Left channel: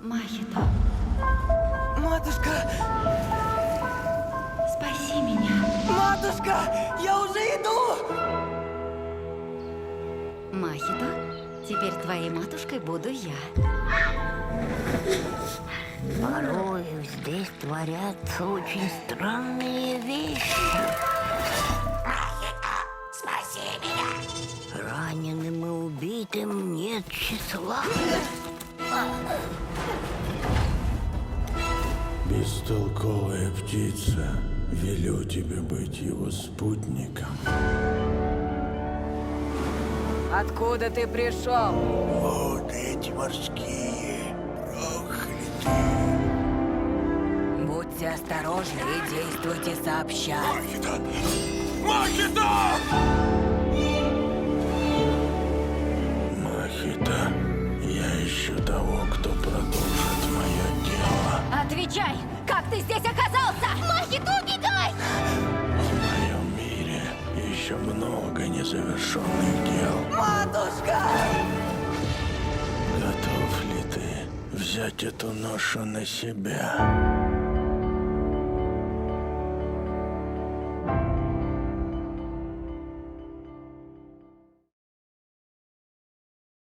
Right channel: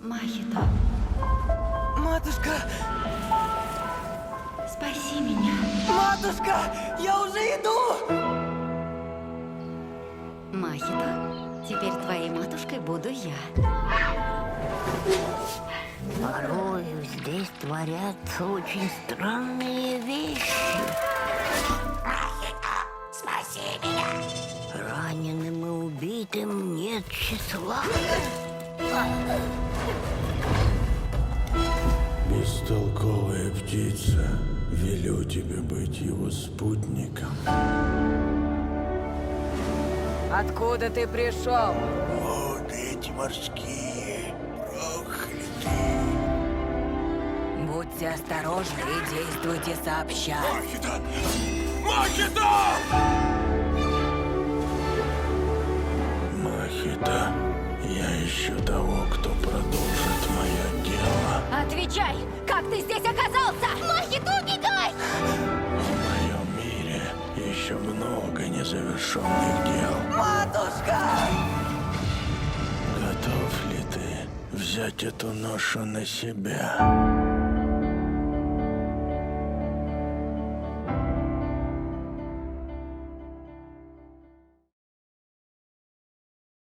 Махито, Матушка! спаси меня. Матушка! Я уже иду! Махито, теперь твоей матушкой буду я. Порой здесь творятся очень странные вещи. Спаси меня! Раненым и убитым нет числа. Бестолковая птица, велю тебе быть его спутником. Откуда ты пришел? Вот эти морские прохлятые. Будьте осторожны и действуйте сообща. Махита! Махита! Махита, я ищу того, кто продолжит мое дело. Отвечай! Как ты здесь оказался? Махито, убегай! В моем мире еще много незавершенных дел. Матушка! Готов ли ты взять эту ношу на себя?